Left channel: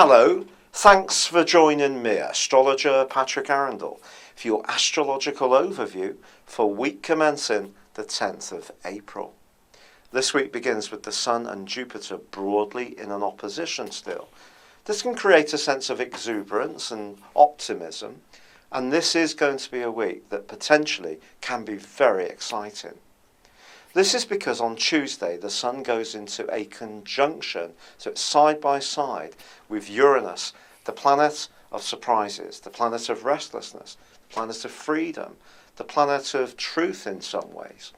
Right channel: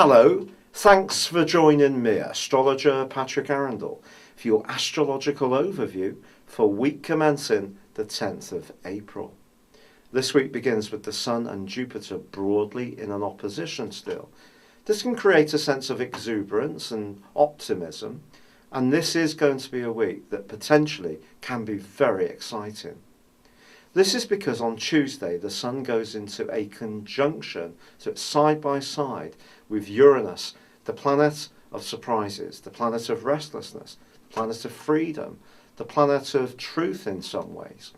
Hello, thanks for joining me, astrologer Patrick Arundell, for your astrological overview for week commencing the 10th of April. This week begins with the Sun and Jupiter broadly in an opposition still. This can create a sense of exuberance and optimism, and this is going to be a week that potentially can be very exciting. This is because on Tuesday the Sun goes into a conjunction, so it's side by side with Uranus, the planet of surprises, the planet of restlessness, the planet of freedom, the planet of truth in some ways.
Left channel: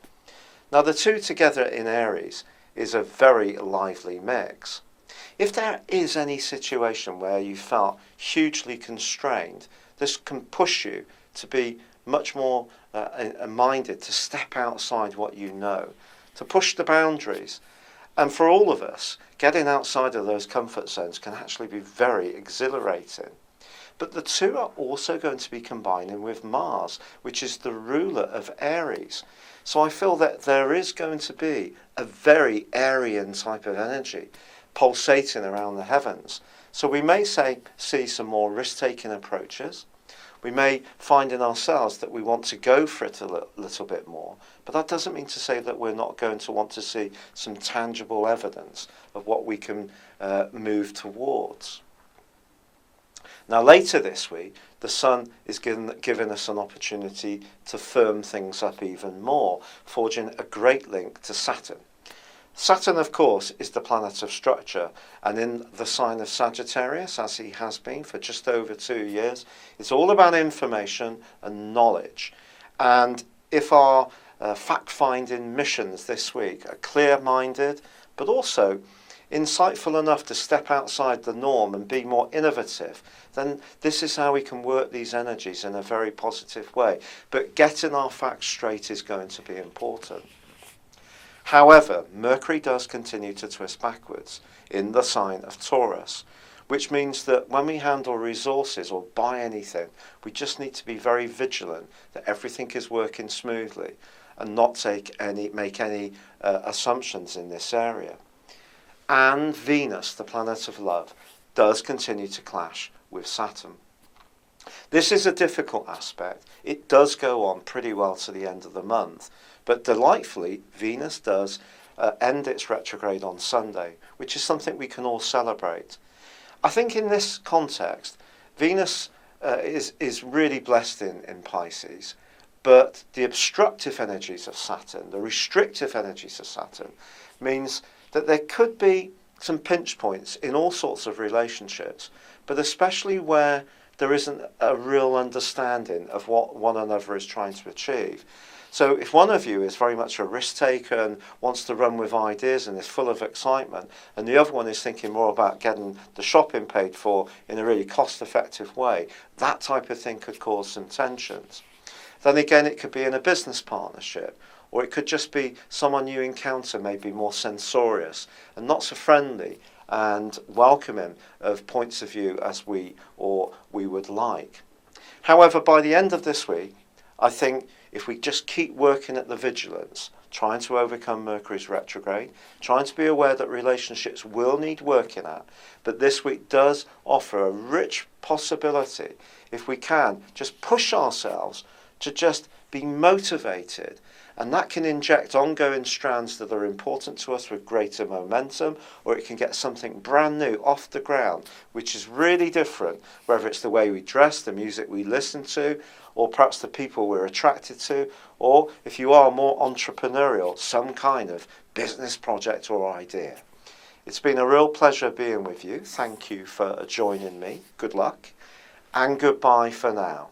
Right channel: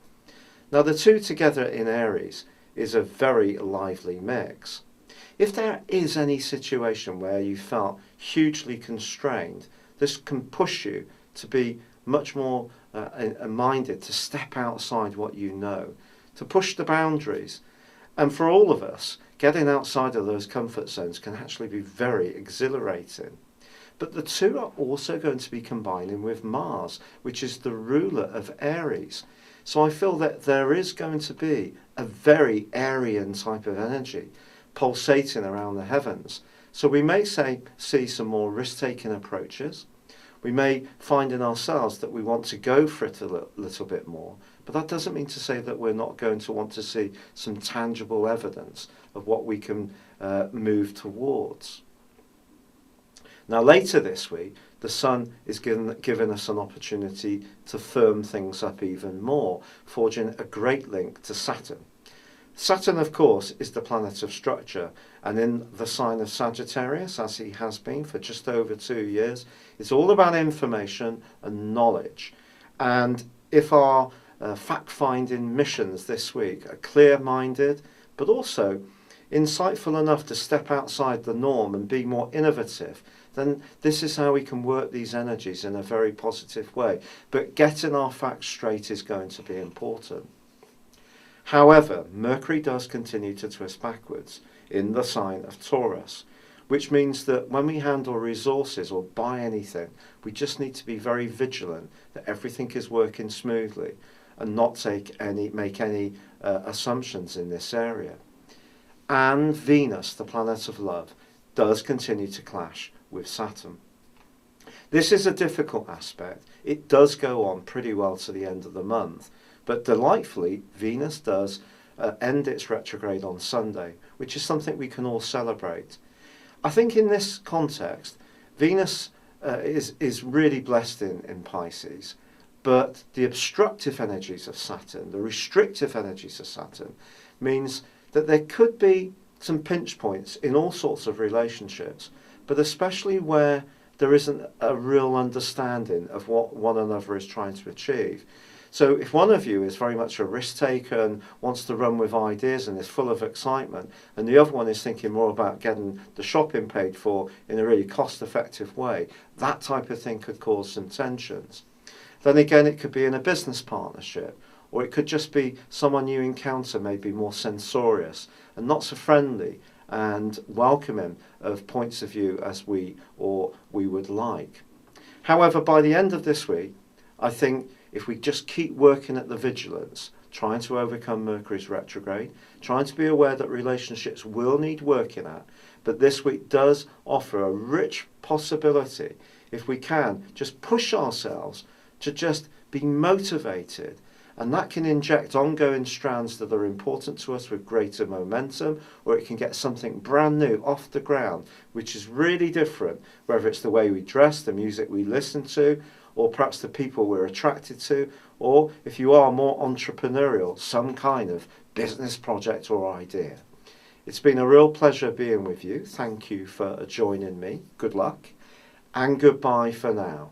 Now the two together in Aries is a very lively mix. If there is any situation where you felt hugely constrained, this can push you to be much more minded to step outside what you know, to push the boundaries. And for all of us, getting outside of those comfort zones can actually be very exhilarating. But the two are also going to be combining with Mars, which is the ruler of Aries. So I feel that there is going to be a very Aryan type of energy pulsating around the heavens. So we may see some more risk-taking approaches. We may find in ourselves that we want to go for it a little bit more, but that doesn't mean to say that we're not going to want to see some tangible evidence of what we can move towards. Now later this week, the Sun is giving us an opportunity to firm things up even more, forging a great link to Saturn. Saturn, of course, is the planet of structure, and in the sign of Sagittarius, as he has been for just over 2 years, it's all about information and knowledge. And if our fact-finding missions this week are clear-minded, but also insightful enough to step outside the norm and be more innovative, then this is how we can work these energies in a very positive way. But getting our facts straight is going to be important. However, Mercury does continue to twist backwards in the sign of Taurus, which means that when we handle resources or buy anything, we just need to be very vigilant that everything is working smoothly and not make any assumptions in this area. And Venus, the planet of love, does continue to clash with Saturn. This is a difficult aspect. It does go on pretty well to the end of the month. But delightfully, Venus does end its retrograde on Sunday, which is something we can all celebrate. I think in this context, Venus is really blessed in Pisces, but the obstructive energies of Saturn, the restrictive energies of Saturn, means that there could be some pinch points in all sorts of relationships, but especially where there isn't a real understanding of what one another is trying to achieve. So if one of you is very much a risk taker and wants to run with ideas and is full of excitement, and the other one is thinking more about getting the shopping paid for in a really cost-effective way, that type of thing could cause some tensions. Then again, it could be in a business partnership, or it could just be someone you encounter maybe more censorious and not so friendly and welcoming of points of view as we would like. However, by the end of this week, I think if we just keep working at the vigilance, trying to overcome Mercury's retrograde, trying to be aware that relationships will need working at, but this week does offer a rich possibility, if we can, just push ourselves to just be motivated, and that can inject ongoing strands that are important to us with greater momentum, or it can get something brand new off the ground, which is really different, whether it's the way we dress, the music we listen to, or perhaps the people we're attracted to, or if you are more entrepreneurial, some kind of business project or idea. It's been a real pleasure being with you. Thank you for joining me. Good luck, and goodbye for now.